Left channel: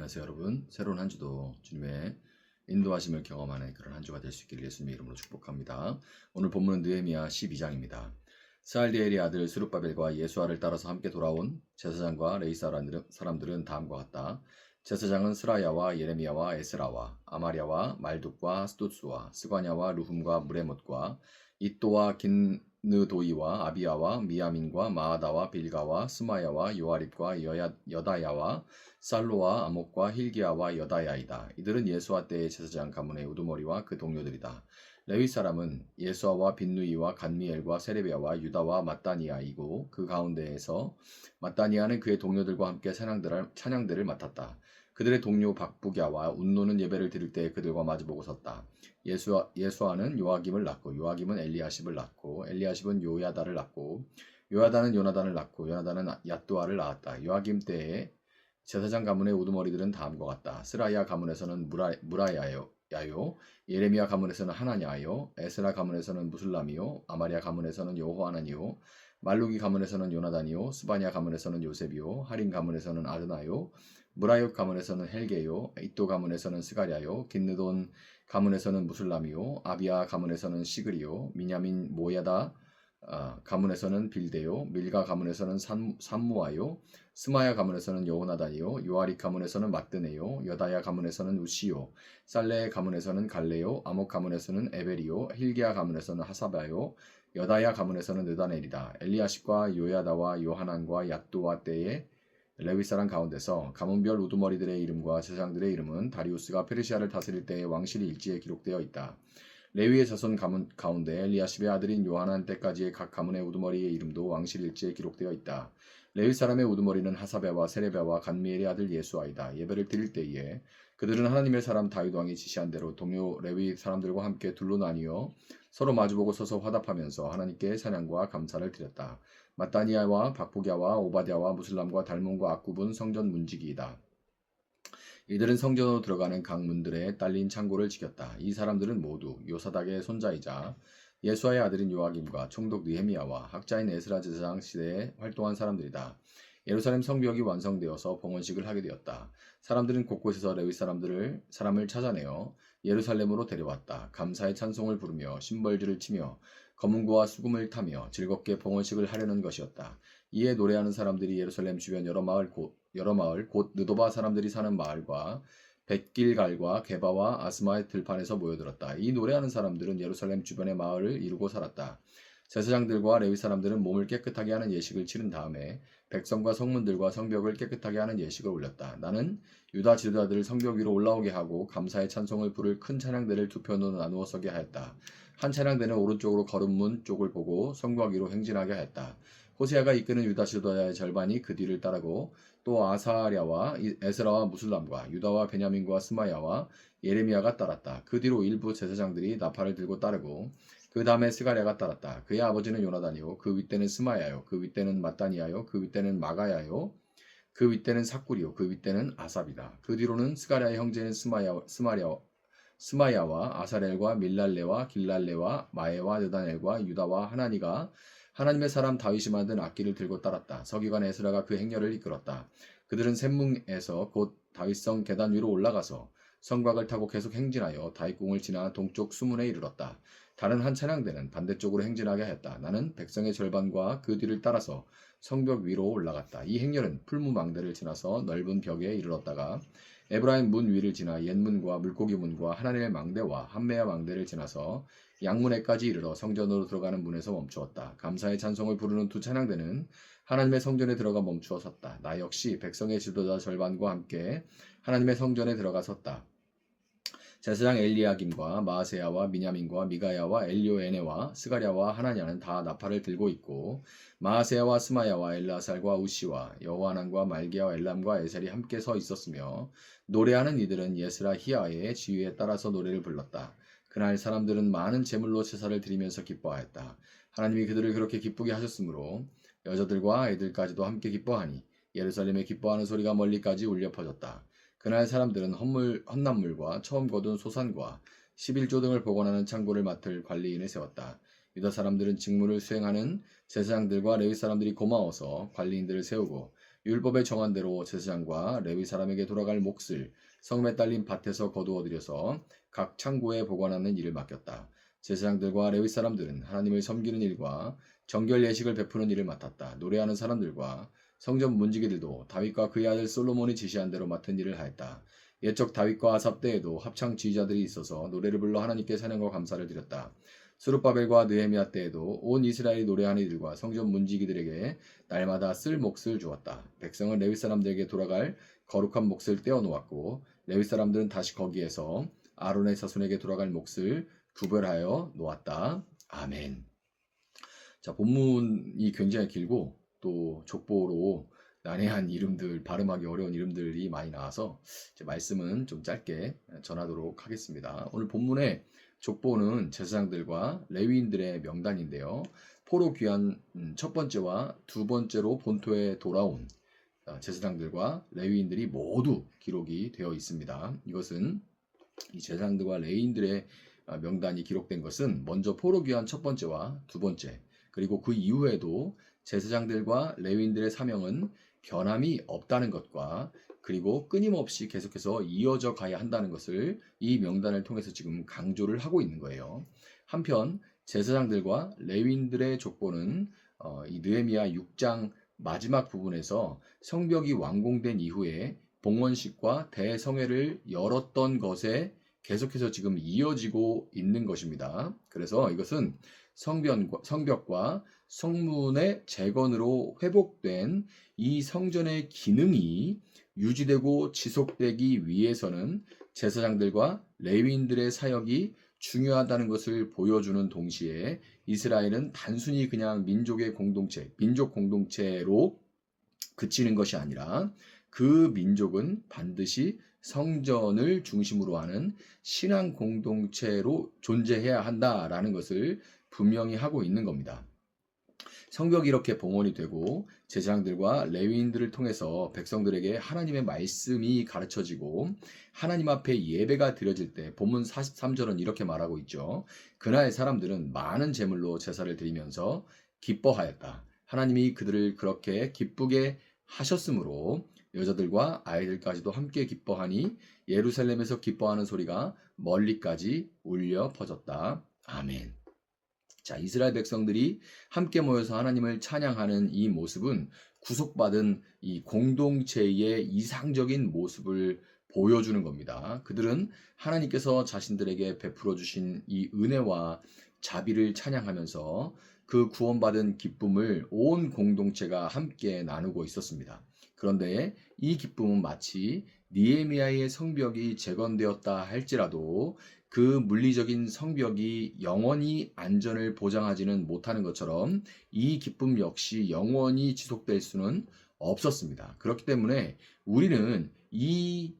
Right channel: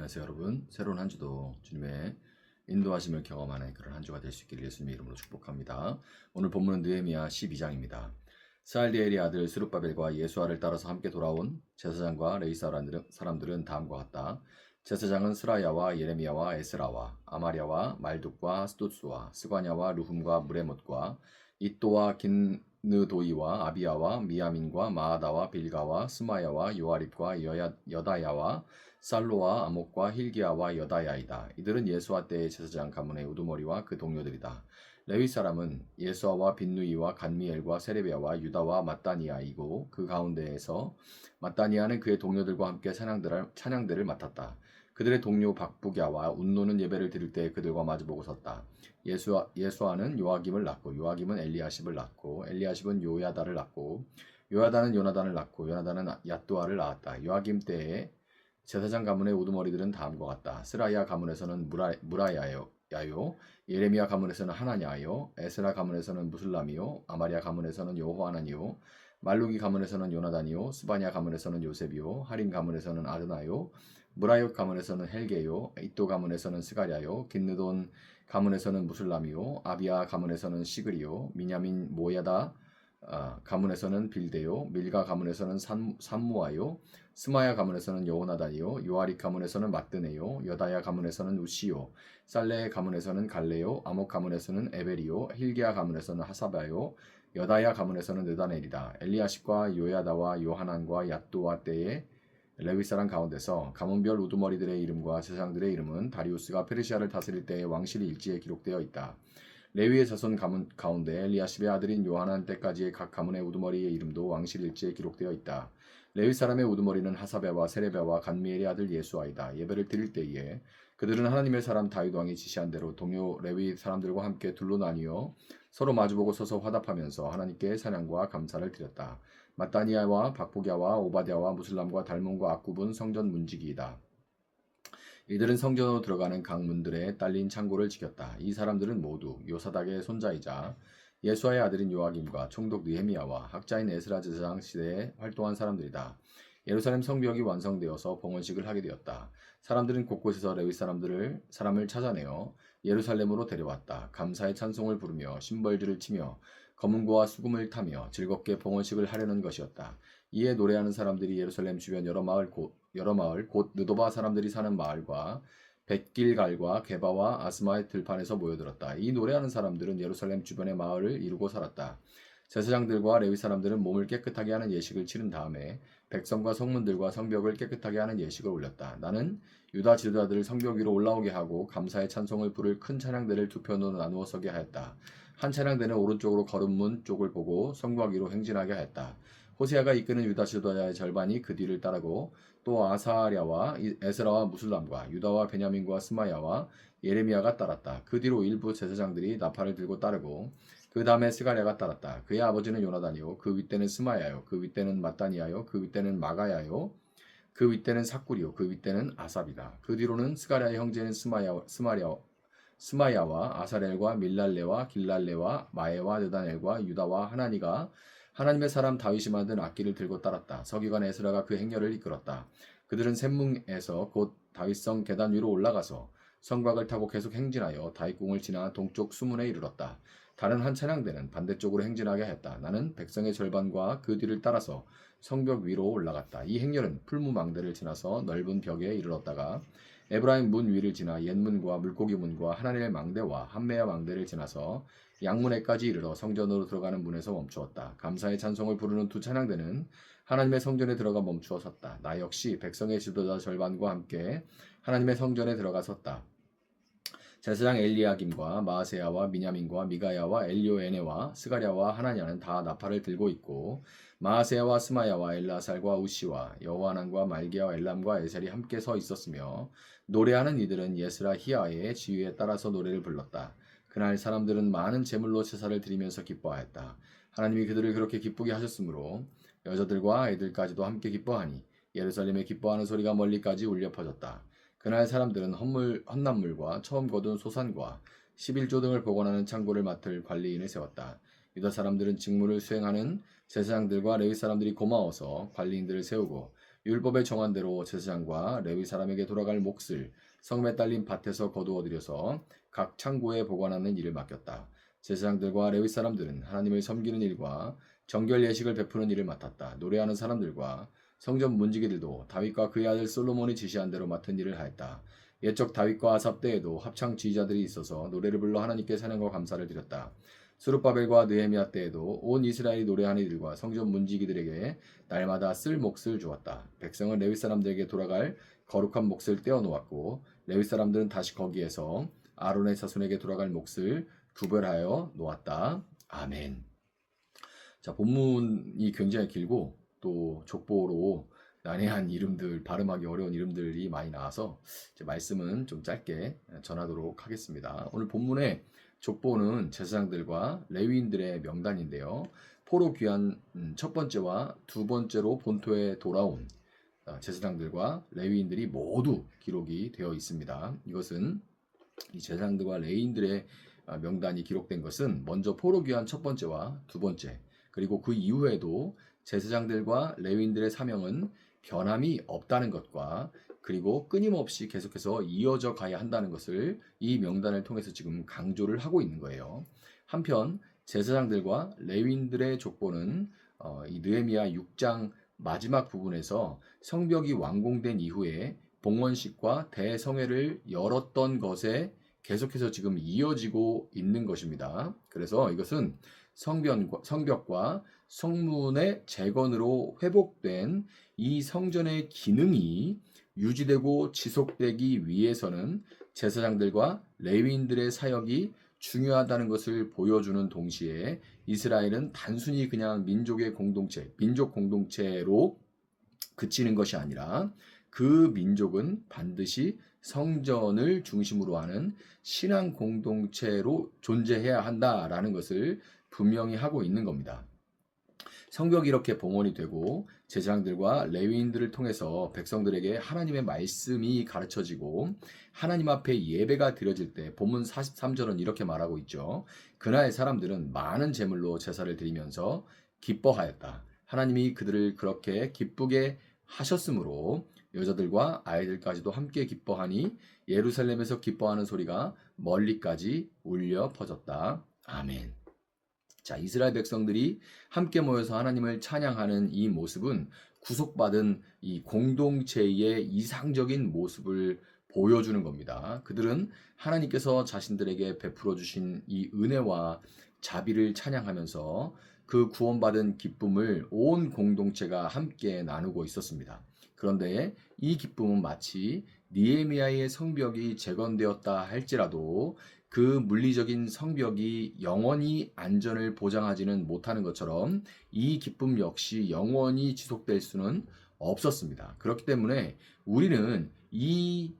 안녕하세요 여러분. 새로운 한 주도 주님의 인도하심을 경험하는 그런 한 주가 될 수 있기를 예수님의 이름으로 축복합니다. 오늘 본문은 느헤미야 12장입니다. 스알디엘의 아들 스룹바벨과 예수아를 따라서 함께 돌아온 제사장과 레위 사람들은 다음과 같다. 제사장은 스라야와 예레미야와 에스라와 아마랴와 말둑과 스투스와 스과냐와 루훔과 무레못과 이또와 긴느도이와 아비야와 미야민과 마아다와 빌가와 스마야와 요아립과 여다야와 살로와 아목과 힐기야와 여다야이다. 이들은 예수아 때의 제사장 가문의 우두머리와 그 동료들이다. 레위 사람은 예수아와 빈누이와 간미엘과 세레비야와 유다와 마따니아이고 그 가운데에서 마따니아는 그의 동료들과 함께 찬양대를 맡았다. 그들의 동료 박부갸와 운노는 예배를 드릴 때 그들과 마주보고 섰다. 예수아는 요아김을 낳고 요아김은 엘리야십을 낳고 엘리야십은 요야다를 낳고 요야다는 요나단을 낳고 요나단은 얏두아를 낳았다. 요아김 때에 제사장 가문의 우두머리들은 다음과 같다. 스라야 가문에서는 무라야요, 예레미야 가문에서는 하나냐요, 에스라 가문에서는 무슬람이요, 아마리아 가문에서는 여호하나니요, 말루기 가문에서는 요나단이요, 스바냐 가문에서는 요셉이요, 하린 가문에서는 아드나요, 무라옅 가문에서는 헬게요, 이또 가문에서는 스가랴요, 긴느돈 가문에서는 무슬람이요, 아비야 가문에서는 시그리요, 미냐민 모야다 가문에서는 빌데요, 밀가 가문에서는 산무아요, 스마야 가문에서는 여호나단이요, 요아리 가문에서는 마뜨네요, 여다야 가문에서는 우시요, 살레 가문에서는 갈레요, 아목 가문에서는 에벨이요, 힐기야 가문에서는 하사바요, 여다야 가문에서는 느다넬이다. 엘리야십과 요야다와 요하난과 얏두아 때에 레위 사람 가운데서 가문별 우두머리들의 이름과 제사장들의 이름은 다리우스가 페르시아를 다스릴 때의 왕실 일지에 기록되어 있다. 레위의 자손 가문 가운데 엘리야십의 아들인 요하난 때까지의 각 가문의 우두머리의 이름도 왕실 일지에 기록되어 있다. 레위 사람의 우두머리는 하사베와 세레베와 간미엘의 아들 예수아이다. 예배를 드릴 때에 그들은 하나님의 사람 다윗 왕이 지시한 대로 동료 레위 사람들과 함께 둘로 나뉘어 서로 마주보고 서서 화답하면서 하나님께 찬양과 감사를 드렸다. 마따니아와 박부갸와 오바댜와 무슬람과 달몬과 악굽은 성전 문지기이다. 이들은 성전으로 들어가는 각 문들에 딸린 창고를 지켰다. 이 사람들은 모두 요사닥의 손자이자 예수아의 아들인 요아김과 총독 느헤미야와 학자인 에스라 제사장 시대에 활동한 사람들이다. 예루살렘 성벽이 완성되어서 봉헌식을 하게 되었다. 사람들은 곳곳에서 레위 사람을 찾아내어 예루살렘으로 데려왔다. 감사의 찬송을 부르며 심벌들을 치며 검은고와 수금을 타며 즐겁게 봉헌식을 하려는 것이었다. 이에 노래하는 사람들이 예루살렘 주변 여러 마을 곧 느도바 사람들이 사는 마을과 벳길갈과 게바와 아스마의 들판에서 모여들었다. 이 노래하는 사람들은 예루살렘 주변의 마을을 이루고 살았다. 제사장들과 레위 사람들은 몸을 깨끗하게 하는 예식을 치른 다음에 백성과 성문들과 성벽을 깨끗하게 하는 예식을 올렸다. 나는 유다 지도자들을 성벽 위로 올라오게 하고 감사의 찬송을 부를 큰 찬양대를 두 편으로 나누어 서게 하였다. 한 찬양대는 오른쪽으로 거름문 쪽을 보고 성곽 위로 행진하게 하였다. 호세아가 이끄는 유다 지도자의 절반이 그 뒤를 따르고 또 아사랴와 에스라와 무슬람과 유다와 베냐민과 스마야와 예레미야가 따랐다. 그 뒤로 일부 제사장들이 나팔을 들고 따르고 그 다음에 스가랴가 따랐다. 그의 아버지는 요나단이요, 그 윗대는 스마야요, 그 윗대는 마따니아요, 그 윗대는 마가야요, 그 윗대는 삭구리요, 그 윗대는 아삽이다. 그 뒤로는 스가랴의 형제인 스마야와 아사렐과 밀랄레와 길랄레와 마에와 느다넬과 유다와 하나니가 하나님의 사람 다윗이 만든 악기를 들고 따랐다. 서기관 에스라가 그 행렬을 이끌었다. 그들은 샘뭉에서 곧 다윗성 계단 위로 올라가서 성곽을 타고 계속 행진하여 다윗궁을 지나 동쪽 수문에 이르렀다. 다른 한 찬양대는 반대쪽으로 행진하게 했다. 나는 백성의 절반과 그 뒤를 따라서 성벽 위로 올라갔다. 이 행렬은 풀무망대를 지나서 넓은 벽에 이르렀다가 에브라임 문 위를 지나 옛문과 물고기 문과 하나님의 망대와 한메아 망대를 지나서 양문에까지 이르러 성전으로 들어가는 문에서 멈추었다. 감사의 찬송을 부르는 두 찬양대는 하나님의 성전에 들어가 멈추어 섰다. 나 역시 백성의 지도자 절반과 함께 하나님의 성전에 들어가 섰다. 제사장 엘리야김과 마아세야와 미냐민과 미가야와 엘리오에네와 스가랴와 하나냐는 다 나팔을 들고 있고 마아세야와 스마야와 엘라살과 우시와 여호하난과 말기야와 엘람과 에셀이 함께 서 있었으며 노래하는 이들은 예스라 히야의 지휘에 따라서 노래를 불렀다. 그날 사람들은 많은 제물로 제사를 드리면서 기뻐하였다. 하나님이 그들을 그렇게 기쁘게 하셨으므로 여자들과 아이들까지도 함께 기뻐하니 예루살렘에 기뻐하는 소리가 멀리까지 울려 퍼졌다. 그날 사람들은 헛난물과 처음 거둔 소산과 11조 등을 보관하는 창고를 맡을 관리인을 세웠다. 유다 사람들은 직무를 수행하는 제사장들과 레위 사람들이 고마워서 관리인들을 세우고 율법에 정한 대로 제사장과 레위 사람에게 돌아갈 몫을 성에 딸린 밭에서 거두어 들여서 각 창고에 보관하는 일을 맡겼다. 제사장들과 레위 사람들은 하나님을 섬기는 일과 정결 예식을 베푸는 일을 맡았다. 노래하는 사람들과 성전 문지기들도 다윗과 그의 아들 솔로몬이 지시한 대로 맡은 일을 하였다. 옛적 다윗과 아삽 때에도 합창 지휘자들이 있어서 노래를 불러 하나님께 찬양과 감사를 드렸다. 스룹바벨과 느헤미야 때에도 온 이스라엘이 노래하는 이들과 성전 문지기들에게 날마다 쓸 몫을 주었다. 백성은 레위 사람들에게 돌아갈 거룩한 몫을 떼어 놓았고 레위 사람들은 다시 거기에서 아론의 자손에게 돌아갈 몫을 구별하여 놓았다. 아멘. 자, 본문이 굉장히 길고 또 족보로 난해한 이름들, 발음하기 어려운 이름들이 많이 나와서 제 말씀은 좀 짧게 전하도록 하겠습니다. 오늘 본문의 족보는 제사장들과 레위인들의 명단인데요. 포로 귀환 첫 번째와 두 번째로 본토에 돌아온 제사장들과 레위인들이 모두 기록이 되어 있습니다. 이것은 이 제사장들과 레위인들의 명단이 기록된 것은 먼저 포로 귀환 첫 번째와 두 번째, 그리고 그 이후에도 제사장들과 레위인들의 사명은 변함이 없다는 것과 그리고 끊임없이 계속해서 이어져 가야 한다는 것을 이 명단을 통해서 지금 강조를 하고 있는 거예요. 한편 제사장들과 레위인들의 족보는 이 느헤미야 6장 마지막 부분에서 성벽이 완공된 이후에 봉헌식과 대성회를 열었던 것에 계속해서 지금 이어지고 있는 것입니다. 그래서 이것은 성벽과 성문의 재건으로 회복된 이 성전의 기능이 유지되고 지속되기 위해서는 제사장들과 레위인들의 사역이 중요하다는 것을 보여주는 동시에 이스라엘은 단순히 그냥 민족 공동체로 그치는 것이 아니라 그 민족은 반드시 성전을 중심으로 하는 신앙 공동체로 존재해야 한다라는 것을 분명히 하고 있는 겁니다. 성벽이 이렇게 봉헌이 되고 제사장들과 레위인들을 통해서 백성들에게 하나님의 말씀이 가르쳐지고 하나님 앞에 예배가 드려질 때 본문 43절은 이렇게 말하고 있죠. 그날 사람들은 많은 제물로 제사를 드리면서 기뻐하였다. 하나님이 그들을 그렇게 기쁘게 하셨으므로 여자들과 아이들까지도 함께 기뻐하니 예루살렘에서 기뻐하는 소리가 멀리까지 울려 퍼졌다. 아멘. 자, 이스라엘 백성들이 함께 모여서 하나님을 찬양하는 이 모습은 구속받은 이 공동체의 이상적인 모습을 보여주는 겁니다. 그들은 하나님께서 자신들에게 베풀어 주신 이 은혜와 자비를 찬양하면서 그 구원받은 기쁨을 온 공동체가 함께 나누고 있었습니다. 그런데 이 기쁨은 마치 느헤미야의 성벽이 재건되었다 할지라도 그 물리적인 성벽이 영원히 안전을 보장하지는 못하는 것처럼 이 기쁨 역시 영원히 지속될 수는 없었습니다. 그렇기 때문에 우리는 이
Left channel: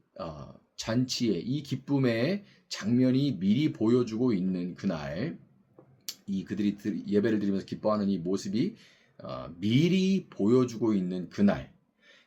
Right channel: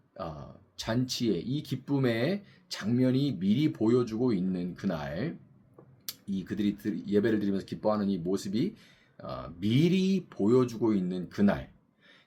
잔치의 이 기쁨의 장면이 미리 보여주고 있는 그날, 이 그들이 예배를 드리면서 기뻐하는 이 모습이 미리 보여주고 있는 그날,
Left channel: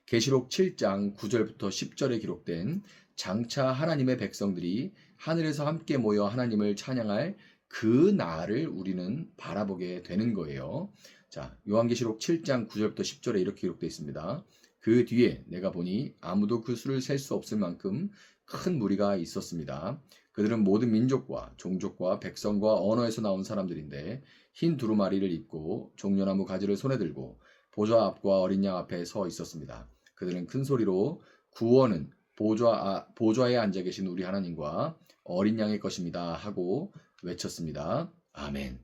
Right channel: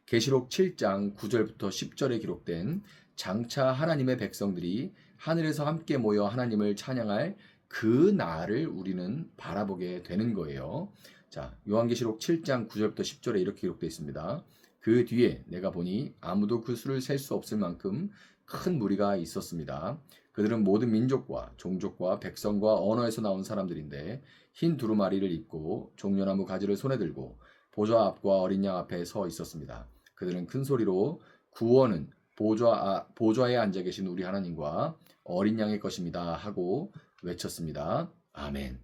계시록 7장 9절부터 10절에 기록된 장차 하나님의 백성들이 하늘에서 함께 모여 하나님을 찬양할 그 날을 우리는 바라보게 되는 거예요. 자, 요한계시록 7장 9절부터 10절에 이렇게 기록되어 있습니다. 그 뒤에 내가 보니 아무도 그 수를 셀 수 없을 만큼 큰 무리가 있었습니다. 그들은 모든 민족과 종족과 백성과 언어에서 나온 사람들인데 흰 두루마리를 입고 종려나무 가지를 손에 들고 보좌 앞과 어린 양 앞에 서 있었습니다. 그들은 큰 소리로 구원은 보좌에 앉아 계신 우리 하나님과 어린 양의 것입니다 하고 외쳤습니다. 아멘.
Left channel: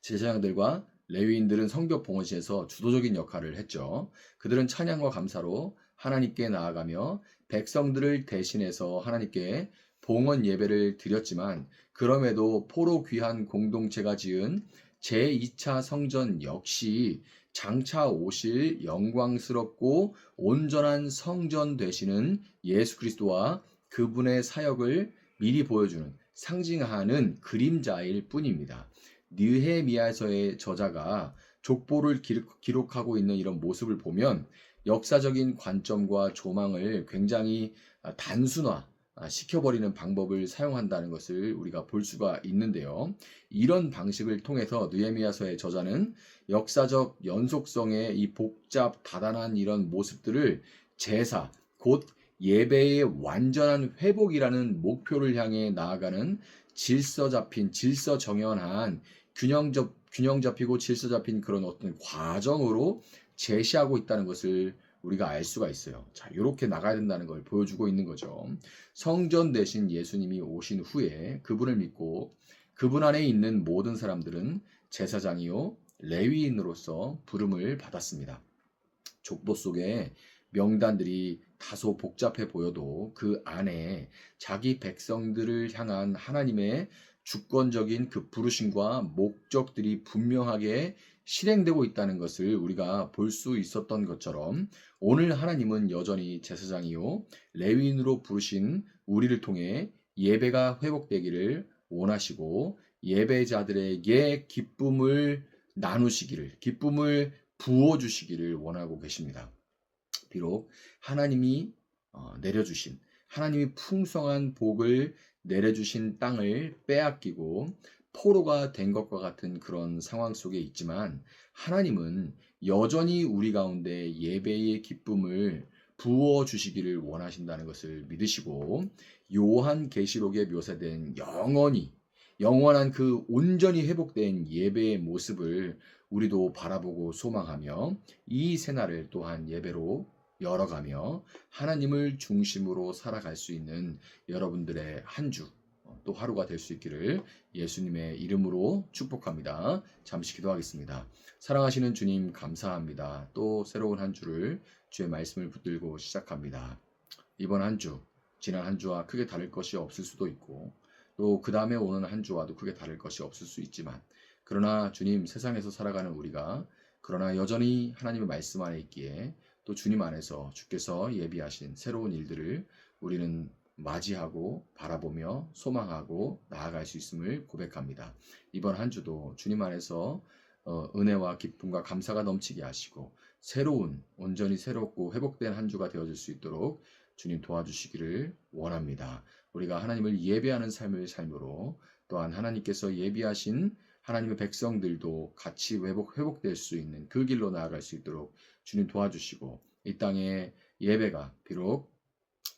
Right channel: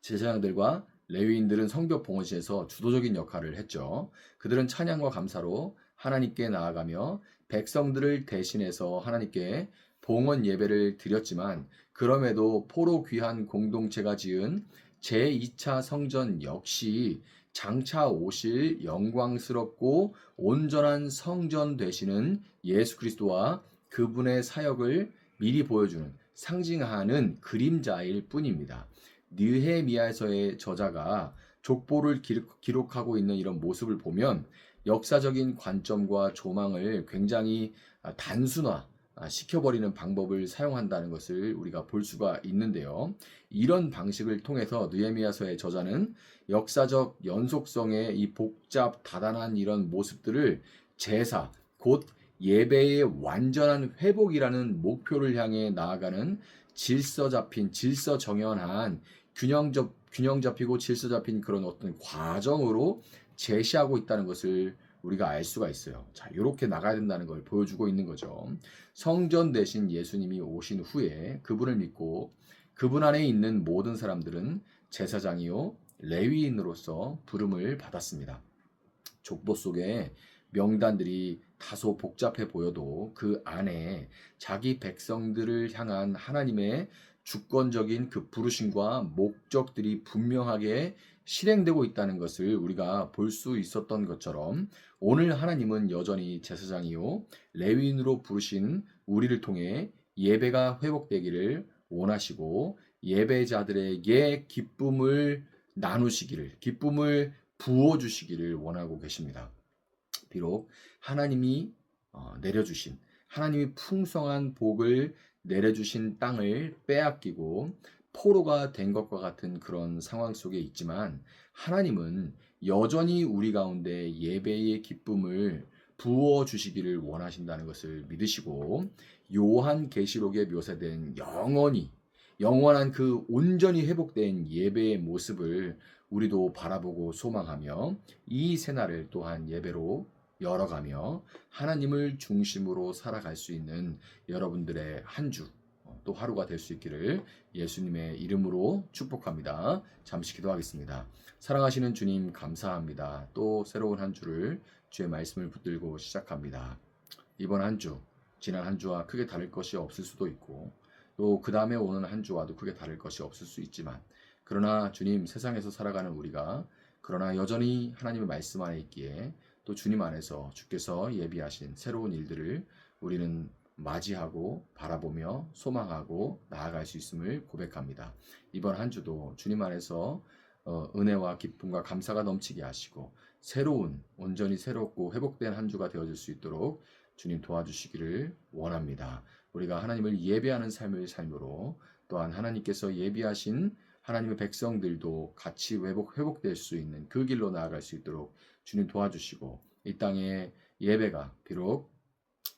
제사장들과 레위인들은 성벽 봉헌시에서 주도적인 역할을 했죠. 그들은 찬양과 감사로 하나님께 나아가며 백성들을 대신해서 하나님께 봉헌 예배를 드렸지만 그럼에도 포로 귀한 공동체가 지은 제2차 성전 역시 장차 오실 영광스럽고 온전한 성전 되시는 예수 그리스도와 그분의 사역을 미리 보여주는 상징하는 그림자일 뿐입니다. 느헤미야서의 저자가 족보를 기록하고 있는 이런 모습을 보면 역사적인 관점과 조망을 굉장히 단순화, 시켜버리는 방법을 사용한다는 것을 우리가 볼 수가 있는데요. 이런 방식을 통해서 느헤미야서의 저자는 역사적 연속성의 이 복잡 다단한 이런 모습들을 제사, 곧 예배의 완전한 회복이라는 목표를 향해 나아가는 질서 정연한 균형 잡히고 질서 잡힌 그런 어떤 과정으로 제시하고 있다는 것을 우리가 알 수가 있어요. 자, 이렇게 나가야 된다는 걸 보여주고 있는 거죠. 성전 대신 예수님이 오신 후에 그분을 믿고 그분 안에 있는 모든 사람들은 제사장이요 레위인으로서 부름을 받았습니다. 족보 속에 명단들이 다소 복잡해 보여도 그 안에 자기 백성들을 향한 하나님의 주권적인 그 부르심과 목적들이 분명하게 실행되고 있다는 것을 우리가 볼 수 있었던 것처럼 오늘 하나님은 여전히 제사장이요 레위인으로 부르신 우리를 통해 예배가 회복되기를 원하시고 예배자들에게 기쁨을 나누시기를 기쁨을 부어 주시기를 원하고 계십니다. 비록 하나님이 내려주신 하나님이 풍성한 복을 내려주신 땅을 빼앗기고 포로가 된 것과 같은 그런 상황 속에 있지만 하나님은 여전히 우리 가운데 예배의 기쁨을 부어 주시기를 원하신다는 것을 믿으시고 요한계시록에 묘사된 영원한 그 온전히 회복된 예배의 모습을 우리도 바라보고 소망하며 이 새날을 또한 예배로 열어가며 하나님을 중심으로 살아갈 수 있는 여러분들의 한 주, 또 하루가 될 수 있기를 예수님의 이름으로 축복합니다. 잠시 기도하겠습니다. 사랑하시는 주님 감사합니다. 또 새로운 한 주를 주의 말씀을 붙들고 시작합니다. 이번 한 주, 지난 한 주와 크게 다를 것이 없을 수도 있고 또 그 다음에 오는 한 주와도 크게 다를 것이 없을 수 있지만 그러나 주님 세상에서 살아가는 우리가 그러나 여전히 하나님의 말씀 안에 있기에 또 주님 안에서 주께서 예비하신 새로운 일들을 우리는 맞이하고 바라보며 소망하고 나아갈 수 있음을 고백합니다. 이번 한 주도 주님 안에서 은혜와 기쁨과 감사가 넘치게 하시고 새로운 온전히 새롭고 회복된 한 주가 되어질 수 있도록 주님 도와주시기를 원합니다. 우리가 하나님을 예배하는 삶을 삶으로 또한 하나님께서 예비하신 하나님의 백성들도 같이 회복될 수 있는 그 길로 나아갈 수 있도록 주님 도와주시고 이 땅의 예배가 비록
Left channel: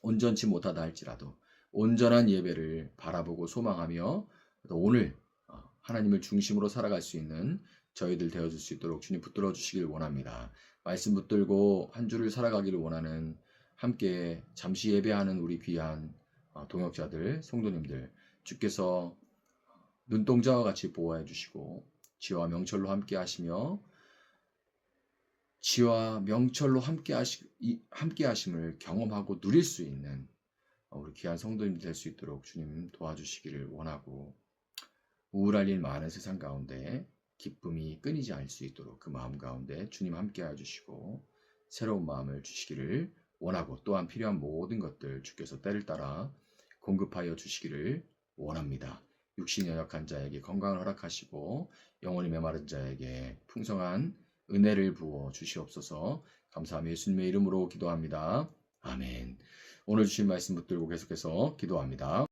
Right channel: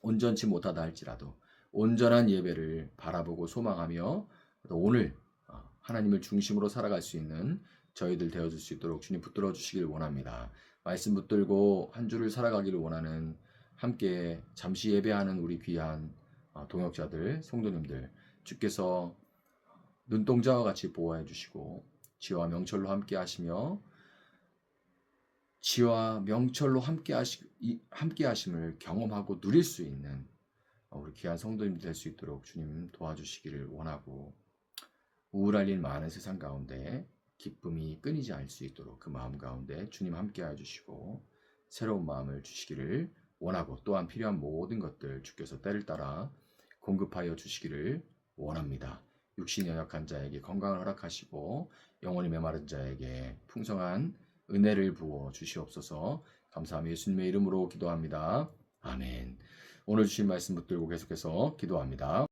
온전치 못하다 할지라도 온전한 예배를 바라보고 소망하며 오늘 하나님을 중심으로 살아갈 수 있는 저희들 되어줄 수 있도록 주님 붙들어 주시길 원합니다. 말씀 붙들고 한 주를 살아가기를 원하는 함께 잠시 예배하는 우리 귀한 동역자들, 성도님들 주께서 눈동자와 같이 보호해 주시고 지와 명철로 함께 하시며 지와 명철로 함께 하심을 경험하고 누릴 수 있는 우리 귀한 성도님들 될 수 있도록 주님 도와주시기를 원하고 우울할 일 많은 세상 가운데 기쁨이 끊이지 않을 수 있도록 그 마음 가운데 주님 함께 해주시고 새로운 마음을 주시기를 원하고 또한 필요한 모든 것들 주께서 때를 따라 공급하여 주시기를 원합니다. 육신이 연약한 자에게 건강을 허락하시고 영혼이 메마른 자에게 풍성한 은혜를 부어 주시옵소서. 감사하며 예수님의 이름으로 기도합니다. 아멘. 오늘 주신 말씀 붙들고 계속해서 기도합니다.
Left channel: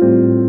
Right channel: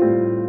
주